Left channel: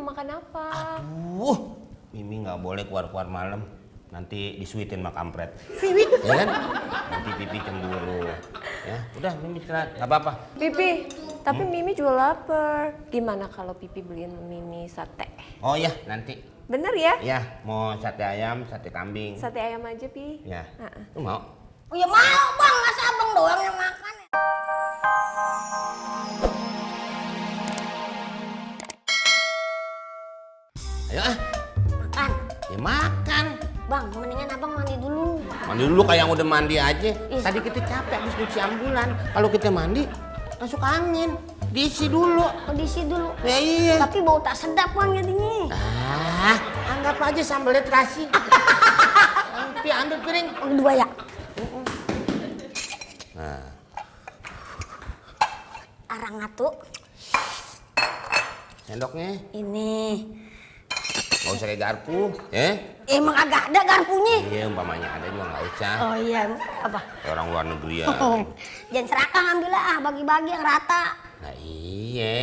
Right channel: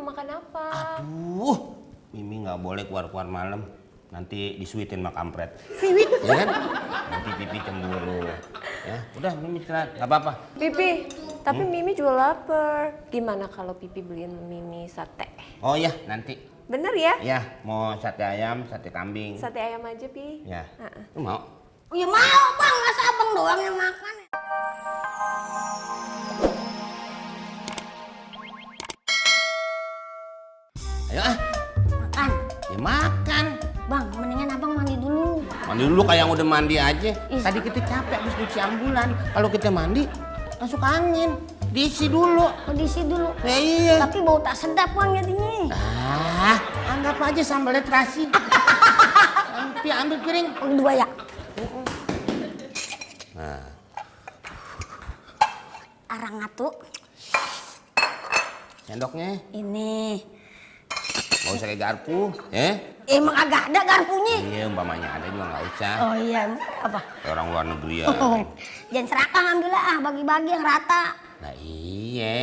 mau makan apa? Aduh, Mimi nggak boleh keluar-keluar malam. Nanti disuitin sama kampret. Sweet, ya kan? Nanti Pipi cemburu. Ya, udah Mimi istirahat, nggak apa-apa. Pipi, tapi Mimi juga lapar. Gimana kalau Pipi beliin Mimi sate? Oh iya, nanti. Bener ya? Ya, mau sate ayam, sate kambing. Sate ayam aja, Pi. Ya, lu mau? Oh ya mau bang, masa abang doang yang makan. Ayo ah, Makan. ya makan. Bang, mendingan abang mandi dulu. Mandi dulu kayak yang udah mandi aja. Tadi kita capek habis cuci ambulan. Kalau kita mandi, masuk angin. Diisi dulu. Isi dulu. Ya iya. Tapi bau tak sedap bang jadinya. Ah, anggap aja sambalnya terasi. Pi, ambil piring. Nah, Orang ngatuk. sendoknya Ini. nggak usah kayak garpu, ya? Emang agak ada garpunya. Iya, umpamanya ada juga nggak usah. Kayak orang luar negeri ya. Dan serahkan ambil lah, bagi-bagi yang rata. Nah iya.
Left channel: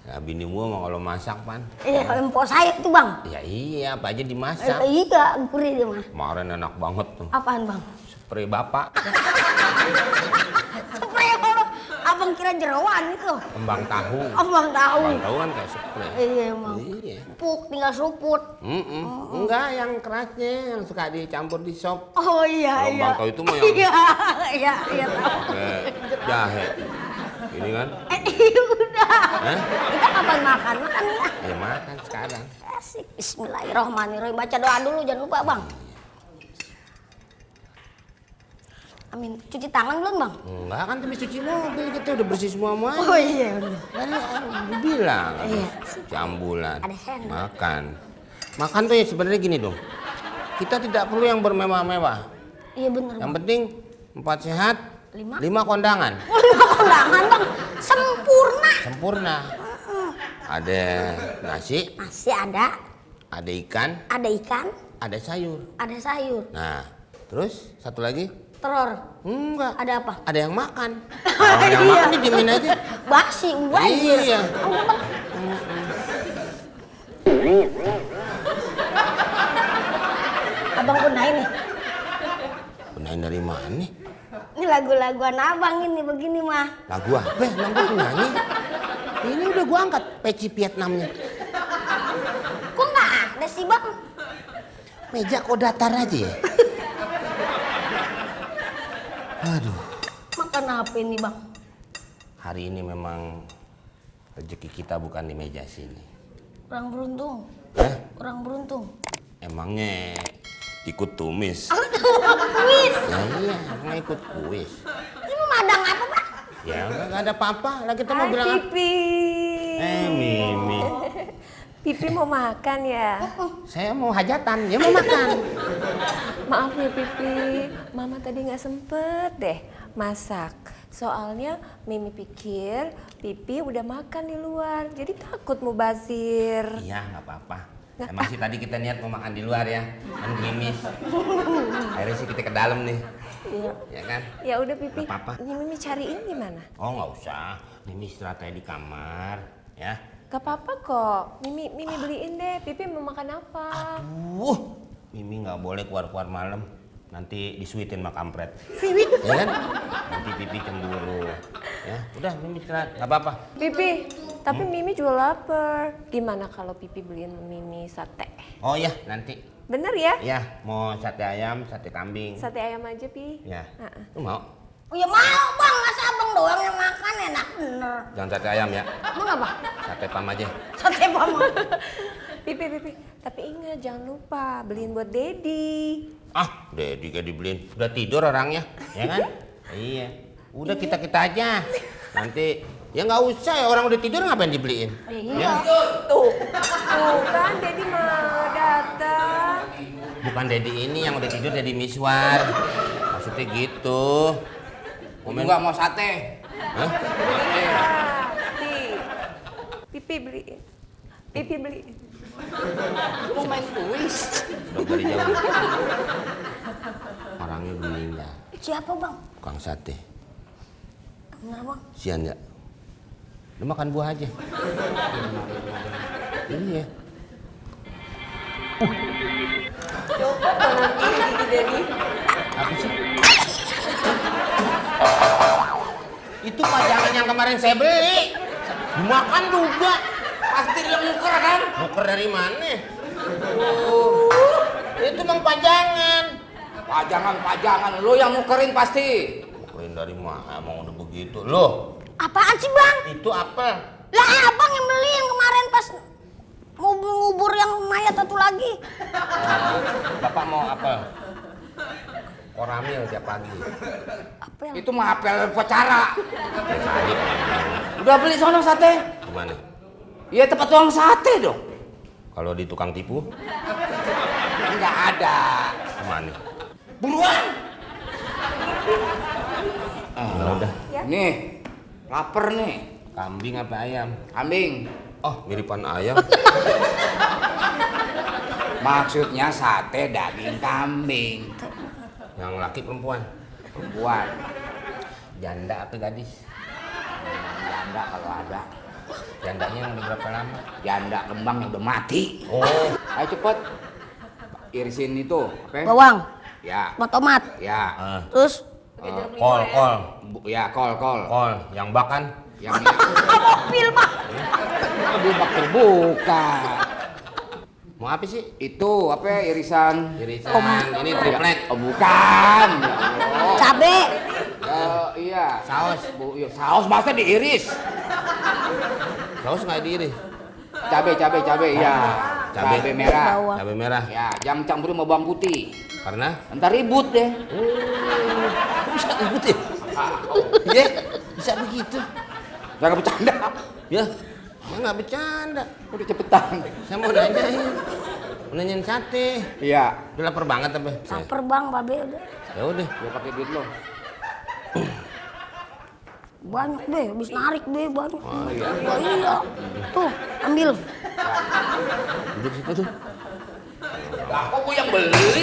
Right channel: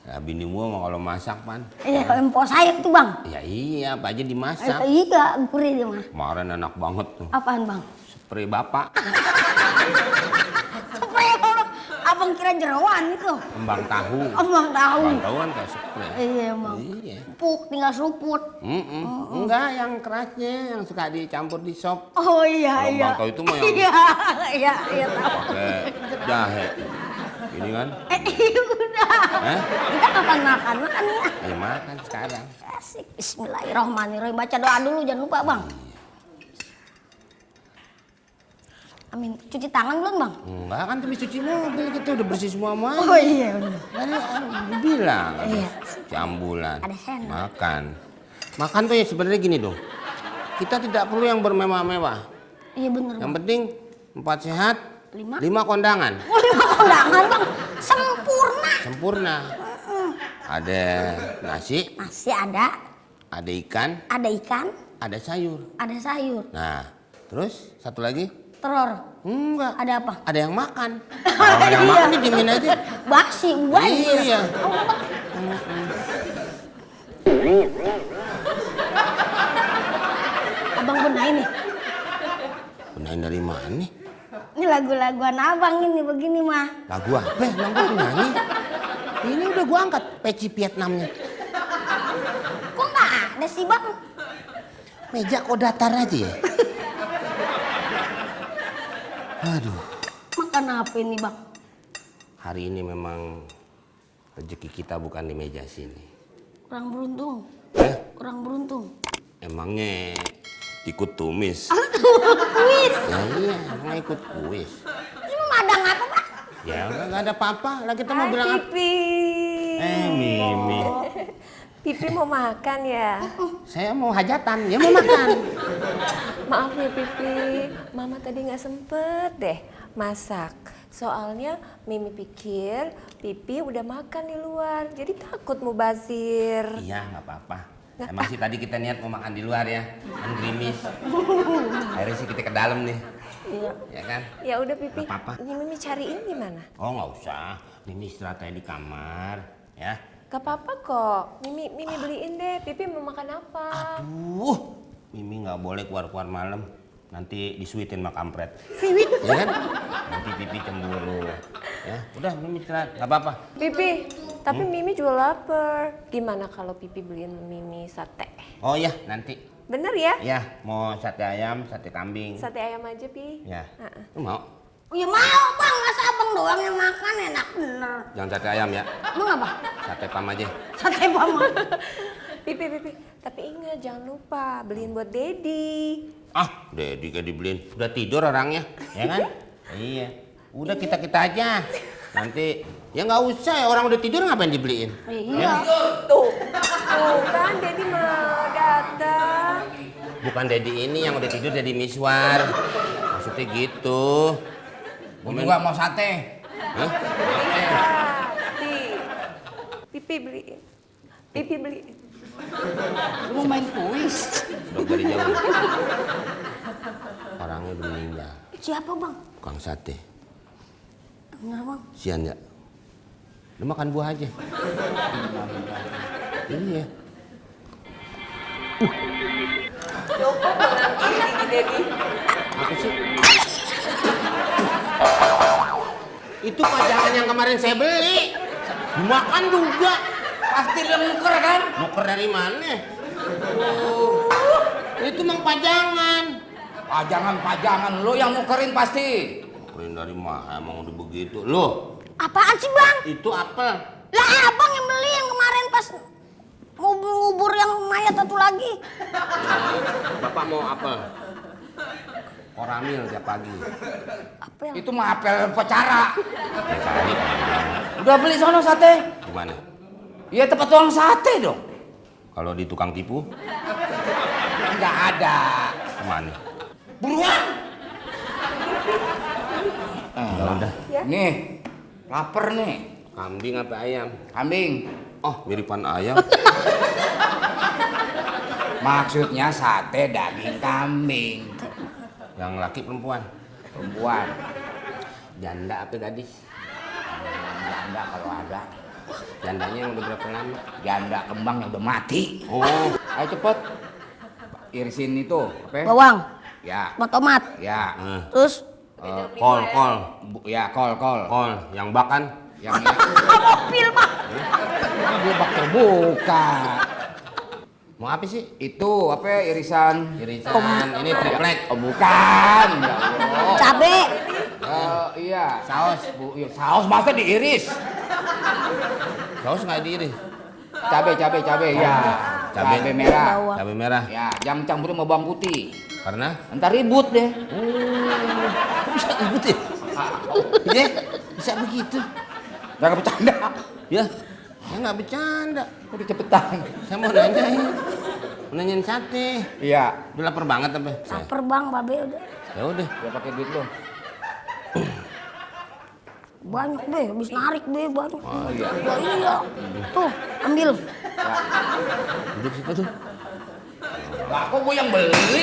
Nah, bini gua mau kalau masak pan. Iya, kalau empok sayap tuh bang. Ya iya, apa aja dimasak. Iya, gurih dia bang. Kemarin enak banget tuh. Apaan bang? Spray bapak, Spray bang. Abang kira jeroan itu. kembang tahu. Abang tahu. Kembang tahu kan kayak spray. Iya bang. Iya. Puk, tinggal seruput. Enggak, yang kerasnya yang suka dicampur di sop. Oh iya. Kalau kembang tahu itu mau yang Iya. pakai jahe. Ini kan. Hah? Ya makan sekarang. Bismillahirrahmanirrahim. Baca doa dulu, jangan lupa bang. Cuci tangan belum bang? Enggak kan habis cuci mobil kita udah bersih semuanya. Tadi bilang habis cuci ambulan. Makan. Makan tuh ya sebenarnya gini dong. Kita tidak perlu yang bermewah-mewah. Iya bener. Yang penting 4 sehat, 5 kondangan. Sempurna. Sempurna. Ada nasi, Masih ada ikan, ada ikan, ada sayur. ada sayur, Nah, terus satu lagi? telur. Enggak. Ada apa? Ada yang makan. Kalau nggak ada yang makan didiemin aja. Baksi. Iya. Abang benerin nih. Benahin dari mana nih? Ini lagu-laguan abang ini begini mah. Lagu apa? Emang gue penyanyi? Ini udah gua angkat peci Vietnamnya. Enggak ada sih bang. Meja kok datar aja ya? Aduh. Makan apa ini bang? Hari ini memang rezeki kita bukan di meja sini. Kurang beruntung. Kurang beruntung. Emangnya ikut tumis? Kuis. Ya iya, emang ikut kuis. Ini mah ada apa bang? Ya nggak ada apa-apa. Lah kita mau Hai, bilang apa? Pipi. Mimi. Pipi mau makan ya? Saya mau hajatan, dia mau makan. Maaf ya Pipi, Mama tadi nggak sempet deh masak. Soalnya Mimi pikir Pipi udah makan di luar, jadi takut mubazir. Iya, nggak apa-apa. Emang sih tadi kita niat mau makan di luar ya, kan gerimis. Akhirnya sih kita ke dalam nih, ya kan? Ya udah Pipi, Nggak apa-apa. ini Mimi cariin gimana? Oh nggak usah, Mimi istirahat aja di kamar, ya. Gak apa-apa kok, Mimi beliin deh. Pipi mau makan apa? Aduh, Mimi nggak boleh keluar-keluar malam. Nanti disuitin sama kampret. Sweet, ya kan? Nanti Pipi cemburu. Ya, udah Mimi istirahat, nggak apa-apa. Pipi, tapi Mimi juga lapar. Gimana kalau Pipi beliin Mimi sate? Oh iya, nanti. Bener ya? Ya, mau sate ayam, sate kambing. Sate ayam aja, Pi. Ya, Ha-ha. lu mau? Oh ya mau bang, masa abang doang yang makan enak bener. Jangan sate ayam ya. Sate pam aja. Sate bang. Pipi, tapi ingat jangan lupa beliin buat Dedi. Ah, Dedi kayak dibeliin. Udah tidur orangnya, ya kan? Iya. Udah kita aja. Nanti ya nggak usah ya, orang udah tidur ngapain dibeliin? Ya. Tuh kan Dedi mau datang. Bukan Dedi ini yang udah tidur, Dedi Miswar. Maksudnya gitu. Momen Gua mau sate. Hah? Pipi beliin. Pipi beliin. Dok dari jauh. Orangnya meninggal. Siapa bang? Tukang sate. Bener bang. Sian ya. Lu makan buah aja. Iya. Copot dong nanti gigi Dedi. Apa sih? Itu pajangan yang kemarin saya beli. Dimakan juga. Nuker dari mana? Itu Mang pajangan. Pajangan lu yang nukerin pasti. Nukerin dari mana? Emang udah begitu. Loh, Apaan sih bang? itu apel. Lah kan abang yang beli yang kemarin pas ngubur yang kemarin satu lagi. Bapak mau apel? Koramil tiap pagi. Itu mah apel upacara. Cari. Ya beli sana sate. Gimana? Ya tempat tukang sate dong. Kalau di tukang tipu? Kemana? Buruan. Ya udah. Ya. Nih, lapar nih. Kambing apa ayam? Kambing. Oh, miripan ayam. Maksudnya sate daging kambing. Yang laki perempuan? Wah, Janda apa gadis? Jandanya yang udah berapa lama? ya ada emang itu mati. Oh, Irsin itu, oke? Ya. Ya. Terus Pakai jeruk nipah kol, ya. kol, Ya, kol. kol. Yang bakan? Yang Mau apa sih? itu apa irisan? Irisan, ini triplek. Iya. Saus. Saus masa diiris. Saus nggak diiris? Cabe. Oh, cabe. Cabe merah. Cabe merah. Ya, jam campur sama bawang putih. Karena? Ntar ribut deh. Oh, kok bisa ribut ya? Ya, bisa begitu. Gak bercanda. Ya, saya nggak bercanda. Cepetan. Saya mau nanyain. Mau nanyain sate. Iya. Udah lapar banget apa? Saya. terbang pada. Ya udah. Udah pakai duit belum? Wah. Duduk situ tuh. Lah, kok gue yang beli?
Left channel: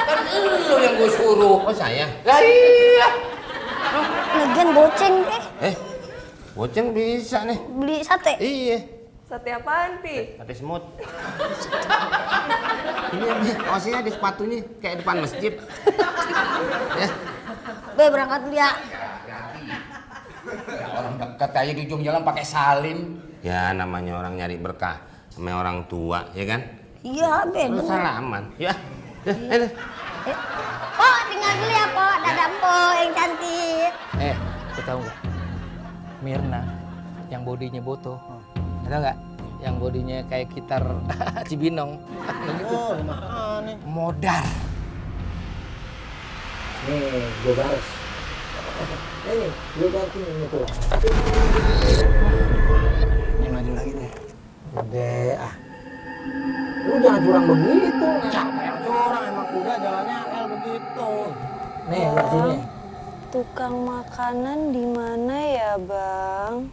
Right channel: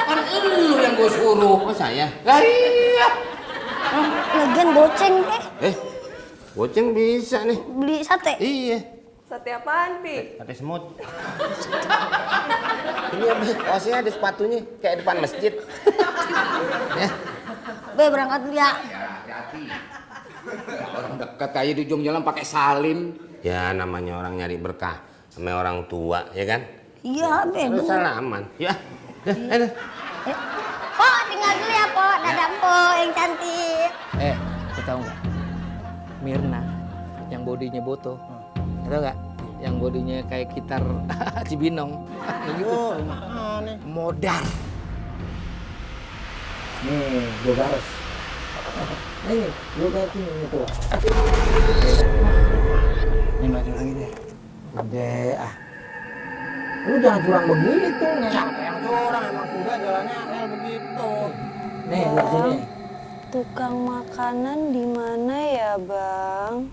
Kan lu yang gue suruh. Oh saya? Nah, iya. Goceng bisa nih. Beli sate. Iya. Sate apaan, Pi? Sate semut. Ini ada kaosnya ada sepatunya kayak depan masjid. Ya. Hati-hati. Orang dekat aja di ujung jalan pakai salin. Ya namanya orang nyari berkah sama orang tua, ya kan? Iya. Harus salaman. Ya. Ayo. Ya. Lu tahu nggak? Mirna yang bodinya Boto, tahu nggak? Yang bodinya kayak gitar Cibinong, begitu. Modar. Nih, gue garis. Nih, gue garisin ini tuh. Ini maju lagi deh. Udah, lu jangan curang begitu. Siapa yang curang? Emang kuda jalannya angel begitu. Nih, lihat sini. Tukang makanan di mana ya, Bang?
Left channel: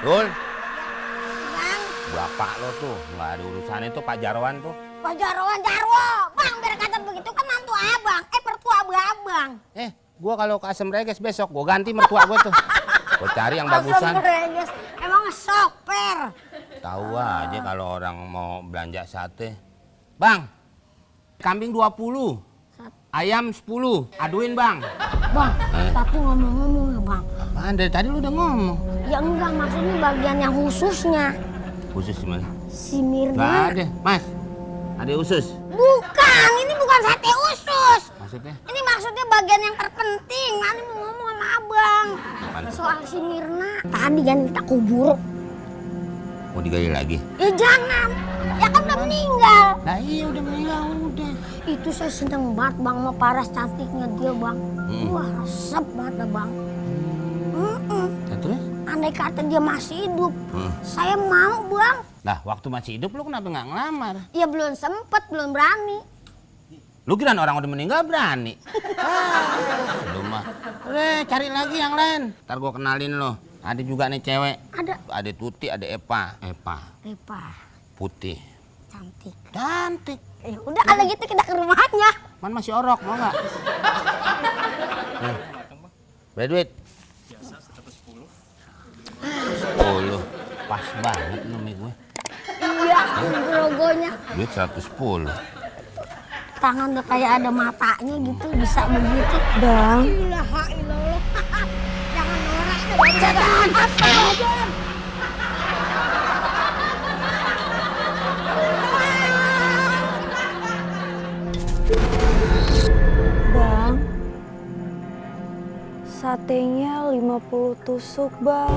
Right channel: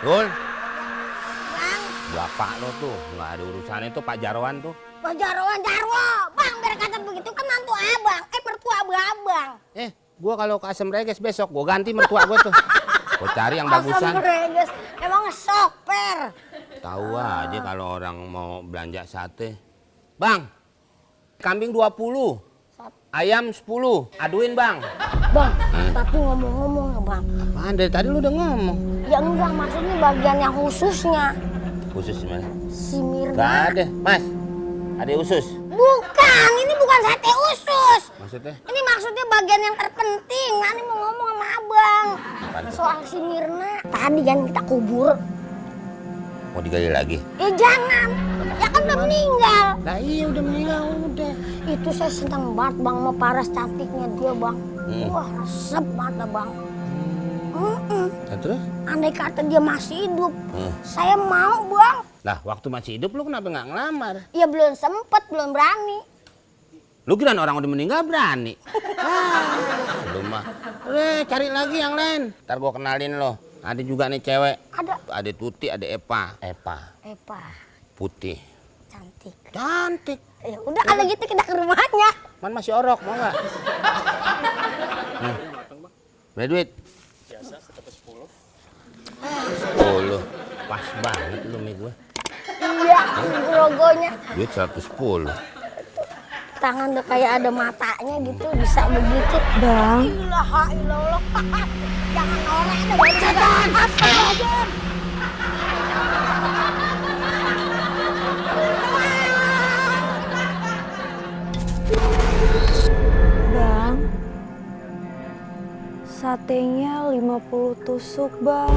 Dul. Bapak lo tuh nggak ada urusan itu Pak Jarwan tuh. Pak Jarwo. Bang, dari kata begitu kan mantu abang. Mertua abang. Gua kalau ke Asam Reges besok gua ganti mertua gua tuh. Gua cari yang bagusan. Emang soper. Tahu aja kalau orang mau belanja sate. Bang, kambing 20, ayam 10, aduin bang. Bang, tapi ngomong-ngomong ya bang. Apaan dari tadi lu udah ngomong? Yang bilang ini bagian yang khususnya. Khusus gimana? Si Mirna. Gak ada, mas. Ada usus. Bukan, ini bukan sate usus. Maksudnya? Ini maksudnya bagian yang terpenting. Ani mau ngomong sama abang. Apaan tuh? Soal si Mirna. Tadi yang kita kubur. Mau digali lagi? Ya jangan. Ya kan udah meninggal. Nah iya udah meninggal udah. Itu saya senang banget bang mau paras cantiknya dia bang. Wah, serem banget dah bang. Nah, terus? Andai kata dia masih hidup, Hmm. saya mau bang. Lah waktu masih hidup lu kenapa nggak ngelamar? Ya belum sempet, belum berani. Lu kira orang udah meninggal berani? Lu mah. Cari lagi yang lain. Ntar gua kenalin lo. Ada juga nih cewek. Ada. Ada Tuti, ada Epa. Epa. Putih. Cantik. Cantik. Ya udah kalau gitu kita ke rumahnya. Man masih orok, mau nggak? Nih. Berapa duit? Biasa, 110. Pas banget lu sama gue. Logonya Duit 110. tangan udah kayak ada matanya gitu bisa begitu. Bang, Ilaha illallah. Jangan ngorek. Setan! Bang. Satenya 50 tusuk, Bang.